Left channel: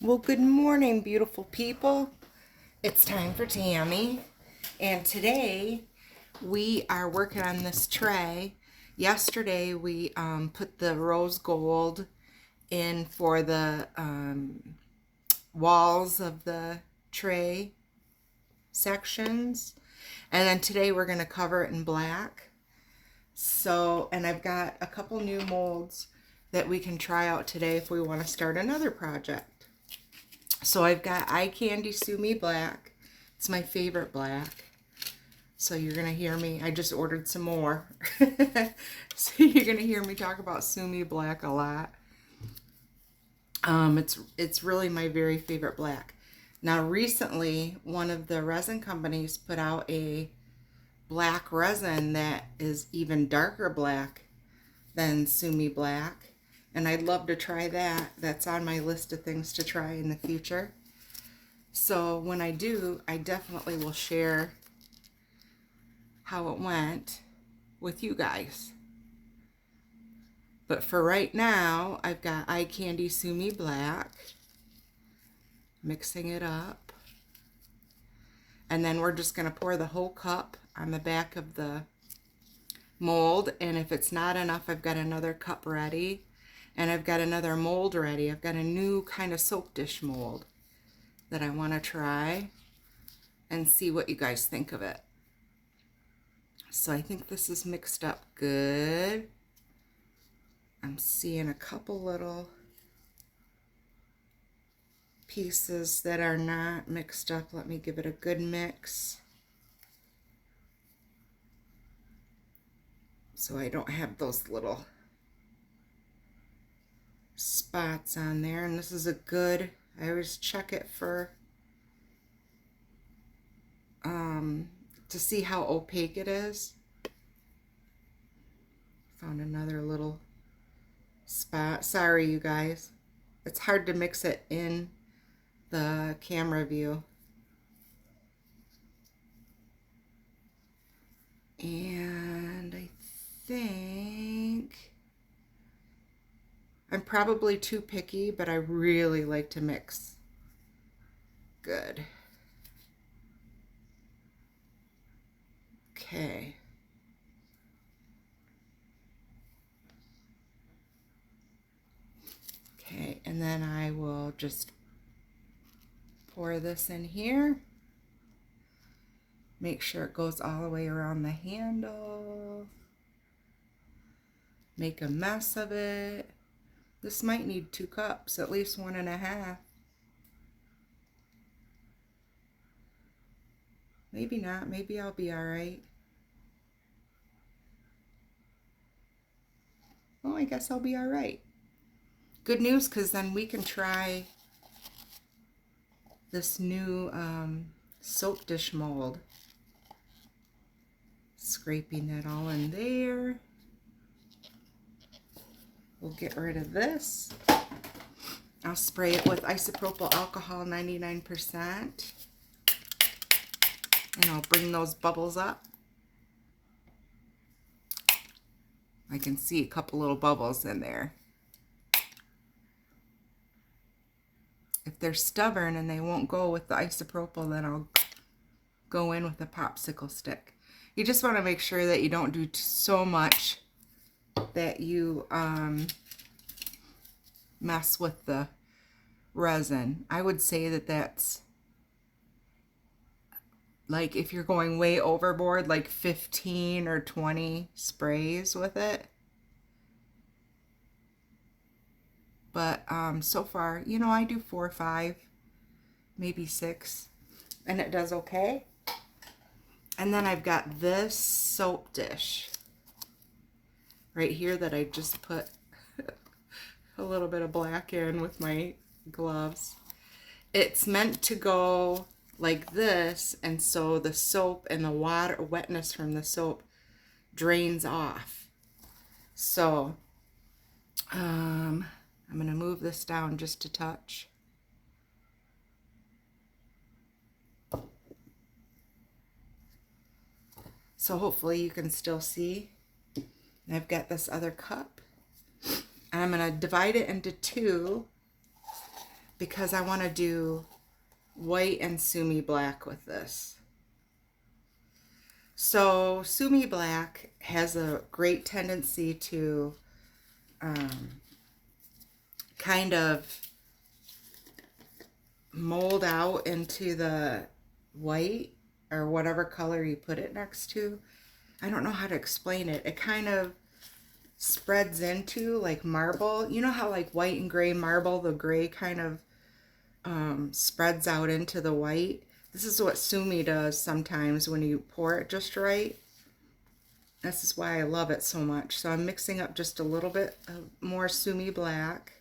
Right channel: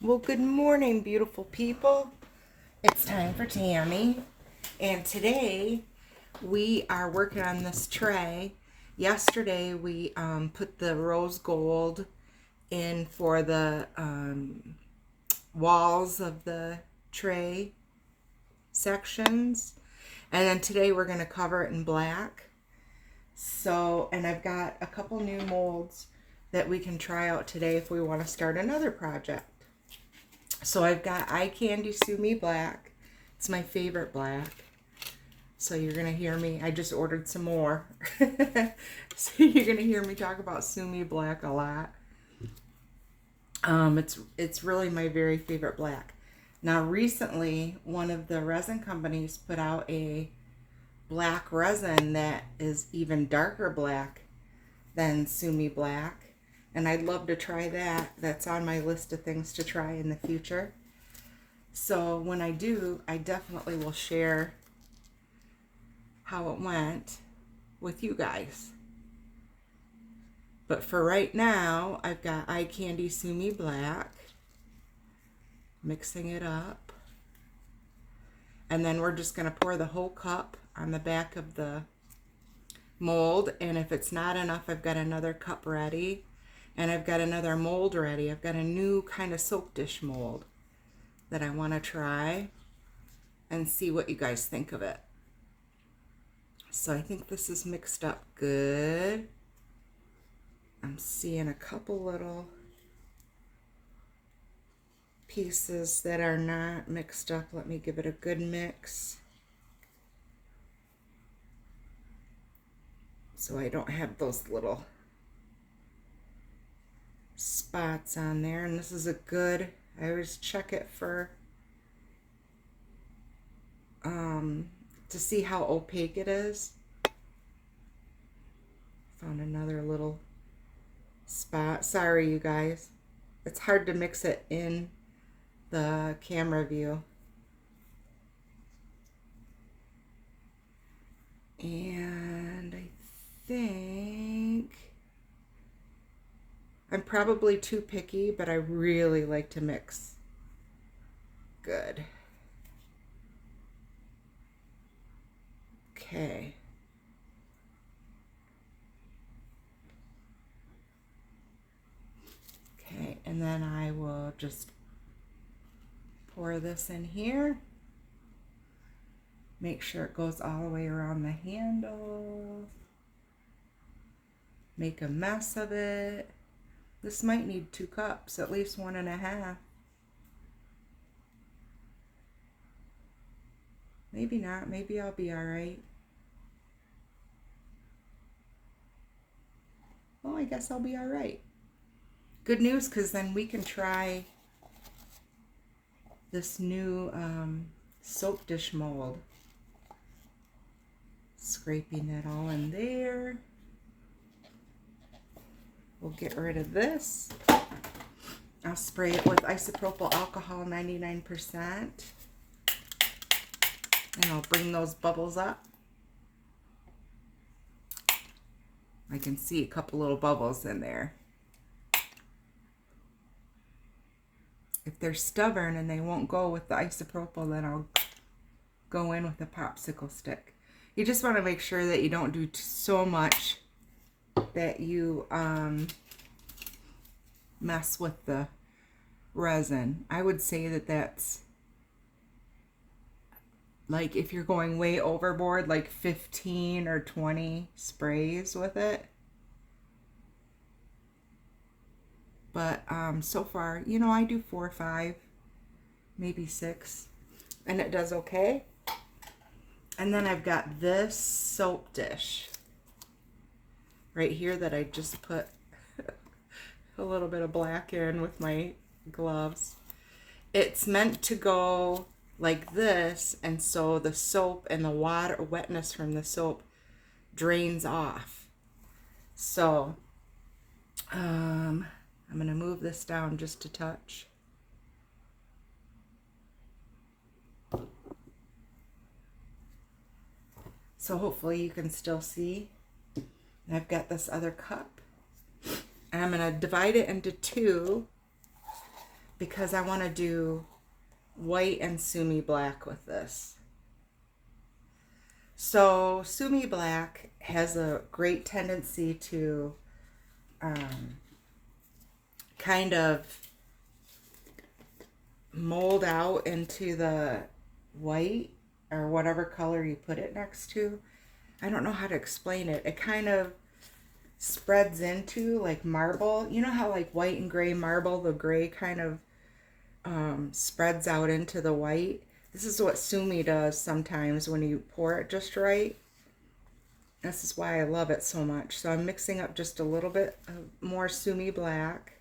Well, good morning, beautiful people. It's time for Tammy. And today we are working on this tray. Yesterday we put the rose gold in for the walls of the tray sections. And then today we're going to cover it in black. So, and I've got a couple new molds that we can try out today if we want to start another project. So I've got Eye Candy Sue Me Black. It's my favorite black. So you're going to hear me. I just ordered some more. So you're going to hear me talk about Sue Me Black a lot. It's really my very favorite black. Now recently, one of the resin companies put out a black resin that is even darker black than Sue Me Black. And I'd love to try that. That's on my list of things to try in the future. So when I do, I definitely will share how it went with you guys. But for right now, I've got Eye Candy Sue Me Black. Mixing it up. And then we're just going to pour the whole cup on the back of the mold. And if it's not enough, I've got another cup ready. And I've got another mold ready. I've got a new kind of soap dish mold that I want to try and see what you guys think of it. So I think this is mixed up good. I'm seeing a couple little pieces that are not mixed up. Let me give it a good mix, so I don't have those little spots on there. And this is a good, I always check it for to see how opaque it is. Found another little spot. Sorry you guys, it's hard to mix it in the camera view. And I think I'm probably too picky, but I really like to mix good. Okay. Okay, and then I will just pour this in here. Make sure it goes all the way around the handle. Make a mess of it. This might need 2 cups, at least 1.5. Maybe not. Maybe I'll be all right. Oh, I guess I'll be all right. Good news, because then we can try this new soap dish mold. Scraping that all in there. We'll get rid of this. I'll spray it with isopropyl alcohol 99%. And I'll bring those bubbles up. I can see a couple little bubbles in there. If they're stubborn and they won't go with the isopropyl, then I'll go in with a popsicle stick. You just want to make sure that you don't do so much that you mess with the resin. I would say that that's like if you're going way overboard, like 15 or 20 sprays with it. But so far, you know, I do 4 or 5, maybe 6, and it does okay. And then I've got this soap dish right here that I just put a little bit of black in with my gloves. It's meant to go like this, and so the soap and the water wetness from the soap drains off. So I'm going to move this down just a touch. So hopefully you can still see. And I've got this other cup. And I'm going to divide it into 2 because I want to do white and sumi black with this. So sumi black has a great tendency to kind of mold out into the white or whatever color you put it next to. I don't know how to explain it. It kind of spreads into like marble. You know how like white and gray marble, the gray kind of spreads out into the white. This is what sumi does sometimes when you pour it just right. This is why I love it so much. So I'm mixing up just a little bit more sumi black.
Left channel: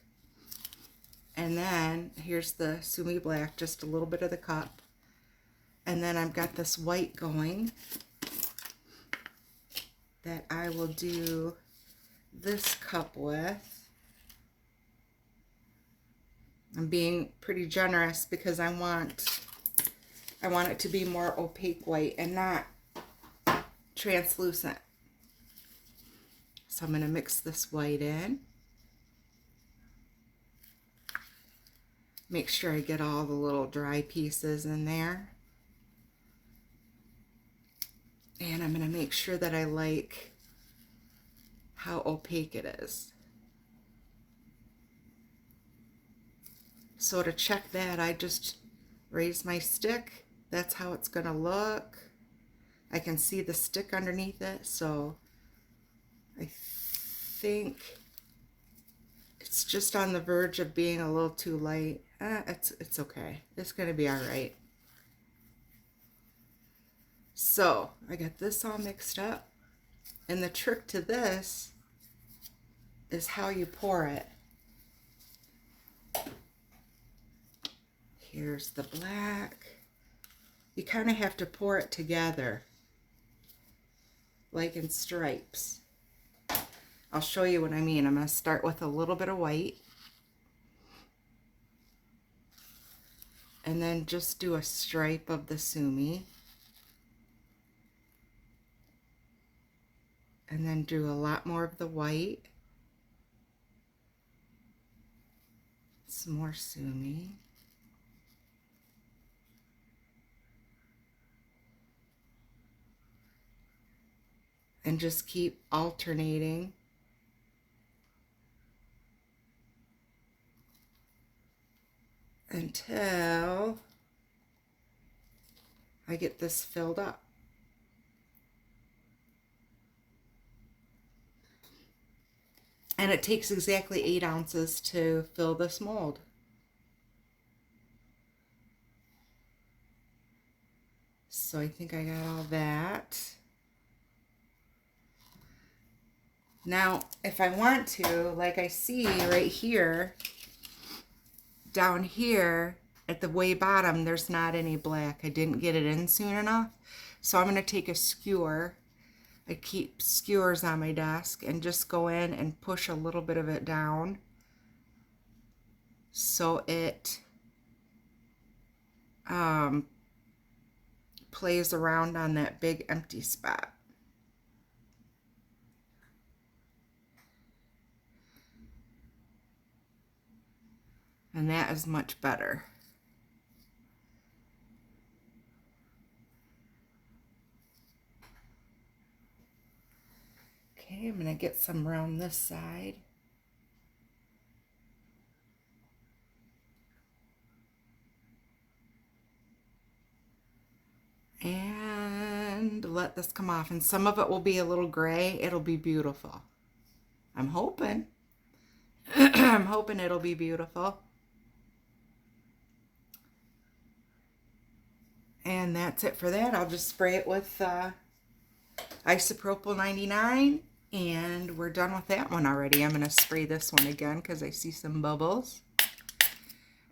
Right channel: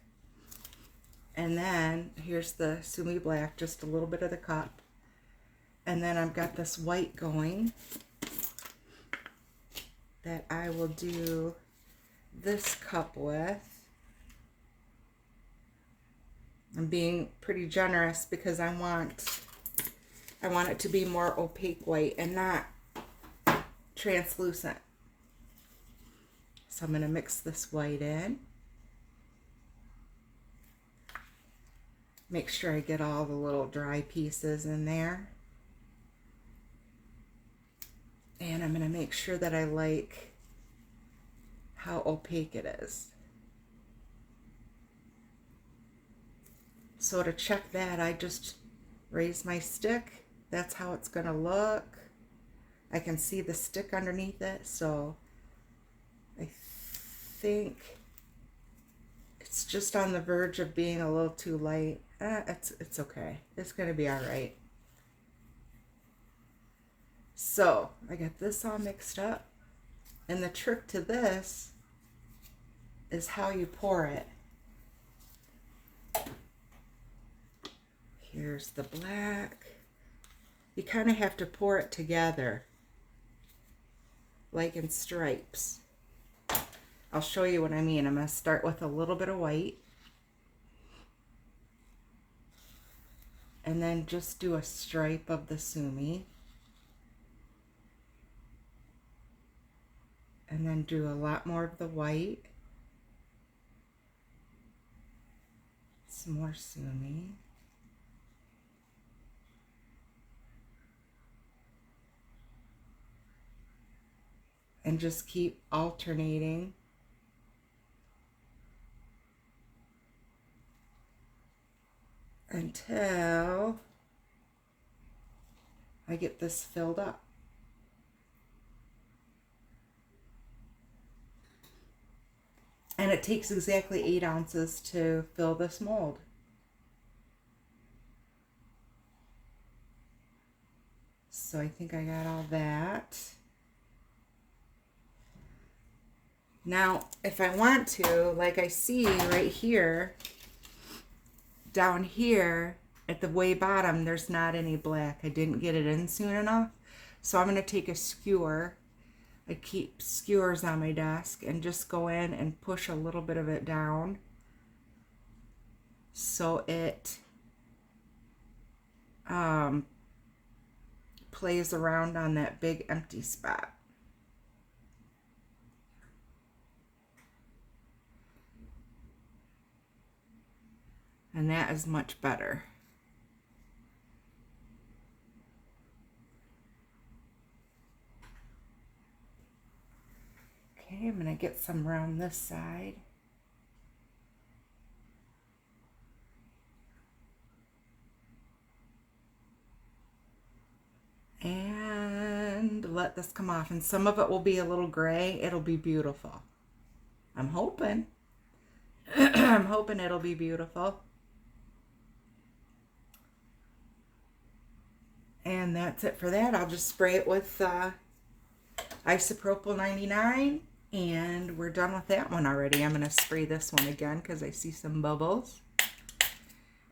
And then here's the sumi black, just a little bit of the cup. And then I've got this white going that I will do this cup with. I'm being pretty generous because I want it to be more opaque white and not translucent. So I'm going to mix this white in. Make sure I get all the little dry pieces in there. And I'm going to make sure that I like how opaque it is. So to check that, I just raise my stick. That's how it's going to look. I can see the stick underneath it, so I think it's just on the verge of being a little too light. It's okay. It's going to be all right. So I got this all mixed up. And the trick to this is how you pour it. Here's the black. You kind of have to pour it together, like in stripes. I'll show you what I mean. I'm going to start with a little bit of white. And then just do a stripe of the sumi. And then do a lot more of the white. Some more sumi. And just keep alternating until I get this filled up. And it takes exactly 8 ounces to fill this mold. So I think I got all that. Now, if I want to, like I see right here, down here at the way bottom, there's not any black. I didn't get it in soon enough. So I'm going to take a skewer. I keep skewers on my desk and just go in and push a little bit of it down so it plays around on that big empty spot. And that is much better. Okay, I'm going to get some around this side. And let this come off. And some of it will be a little gray. It'll be beautiful. I'm hoping. I'm hoping it'll be beautiful. And that's it for that. I'll just spray it with isopropyl 99. And we're done with that one already. I'm going to spray this one again because I see some bubbles.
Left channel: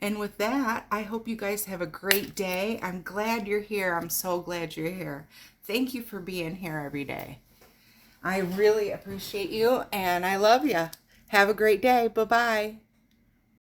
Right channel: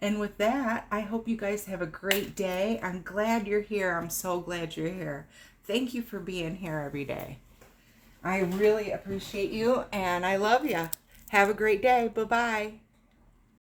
And with that, I hope you guys have a great day. I'm glad you're here. I'm so glad you're here. Thank you for being here every day. I really appreciate you, and I love you. Have a great day. Bye-bye.